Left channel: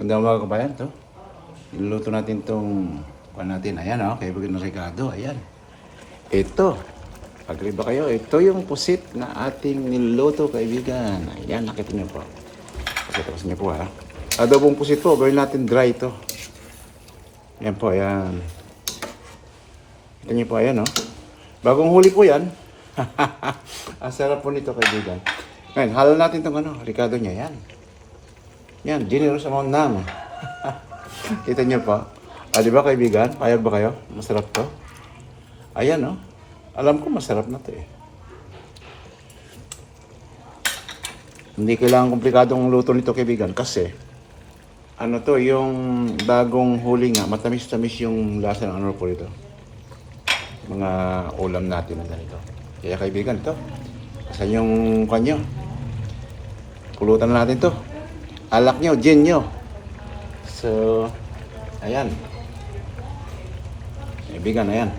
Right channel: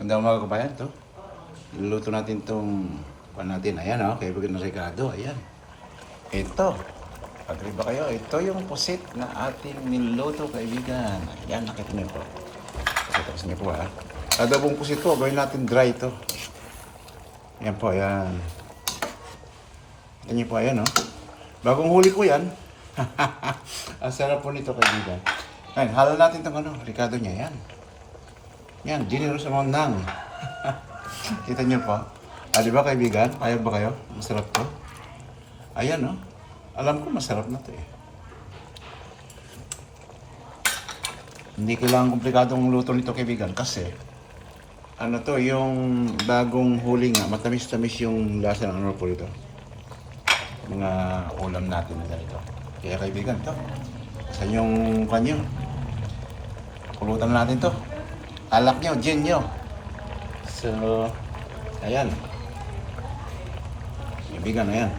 Ganda mga kabayan to. Niluto natin tong natin. Ayan o, kaya bigyan ng Ricardo. Ayan. Ito. Agree ba kayo? Ito yung pusit na ating niluto, kaibigan. Ayan, nakita niyo po. Pakita ko niyo po ha. Adobong pusit po, gawin natin dry ito. Ayan po, ayan. Kita niyo po, ayan o. Bagong huli po yan. Ang sarap po nito, kaibigan. Ngayon, halo natin itong Ricardo niya. Yan. Yan, generous amount nang. Kita niyo po. Di ba, kaibigan? Payag ba kayo? Masarap to. Ayan, no? Alam ko masarap na to eh. Hindi kailangan komplikadong luto nito, kaibigan. Kasi, ano to, yung bagong huli nga, matamis-tamis yung lasa ng po ito. Mga ulam natin na ganito. Kaya, kaibigan, to. Saan yung kanyo? Pulutan na natin to. Alak nyo, gin nyo. So, ayan. Kaibigan, ayan.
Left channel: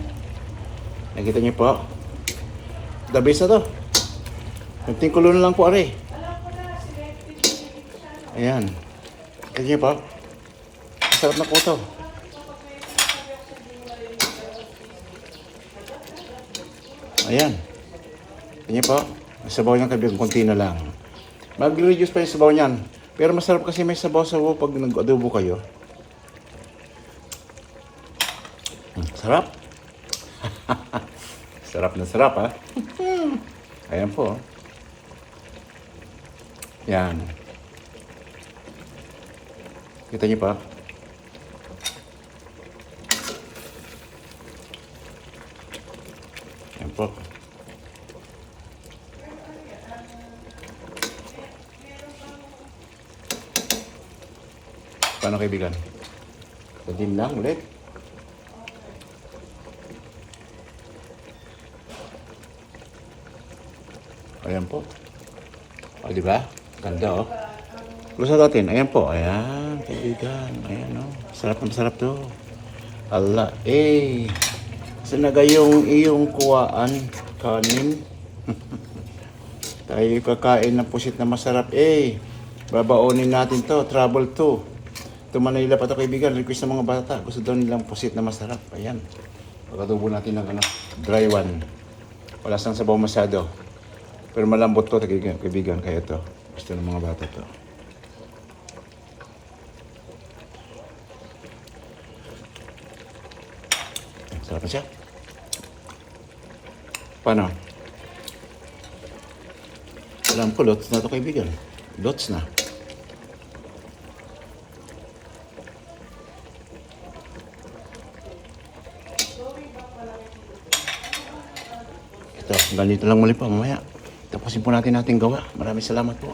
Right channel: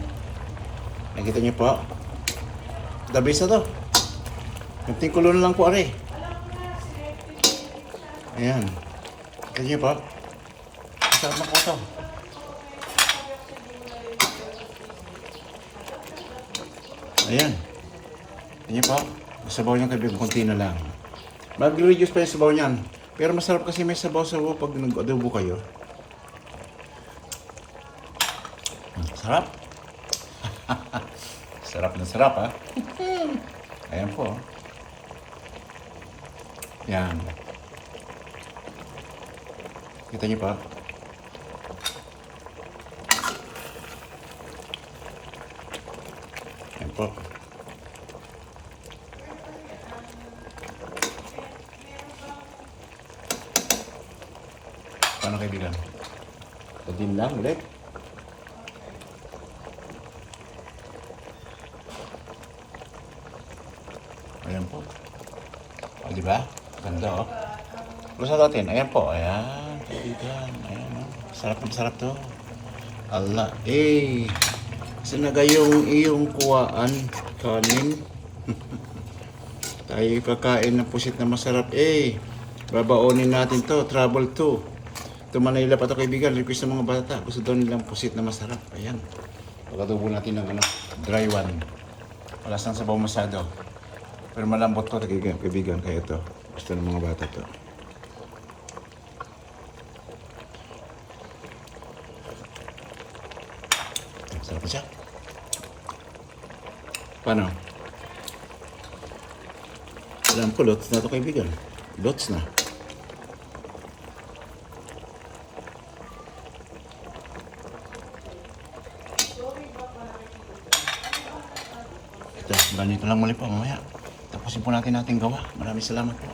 Nakita nyo po. The base na to. Kunting kulo na lang po, are. Ayan. Nakita nyo po. Masarap na po ito. Ayan. Nakita nyo po. Sabaw niyang kaibigan, kunti na lang. Mag-reduce pa yung sabaw niyan. Pero masarap kasi may sabaw-sabaw pag nag-adobo kayo. Sarap. Sarap na sarap, ha? Ayan po. Yan. Kita niyo pa. Ayan po. Paano, kaibigan? Pagin lang ulit. Ayan po. O, diba? Ganda, oh. Gusto natin. Ayan po. Ayan. Kaibigan. Ayan. Sarap to. Ala. Eh. Sinaga yung iyong kuwaan. Kanin. Tayo kakain ng pusit na masarap. Eh. Babaonin natin to. Travel to. Ito Manila pa to, kaibigan. Request ng mga bata. Gusto daw nilang pusit na masarap. Ayan. Pagkadubo natin ng dry one. Wala sang sabaw masyado. Pero malambot to, kaibigan. Kaya to. Gusto ng mga bata to. Sarap na siya. Paano? Alam ko, lots na to, kaibigan. Lots na. Ganito lang muli po mamaya. Tapusin po natin gawa. Maraming salamat po.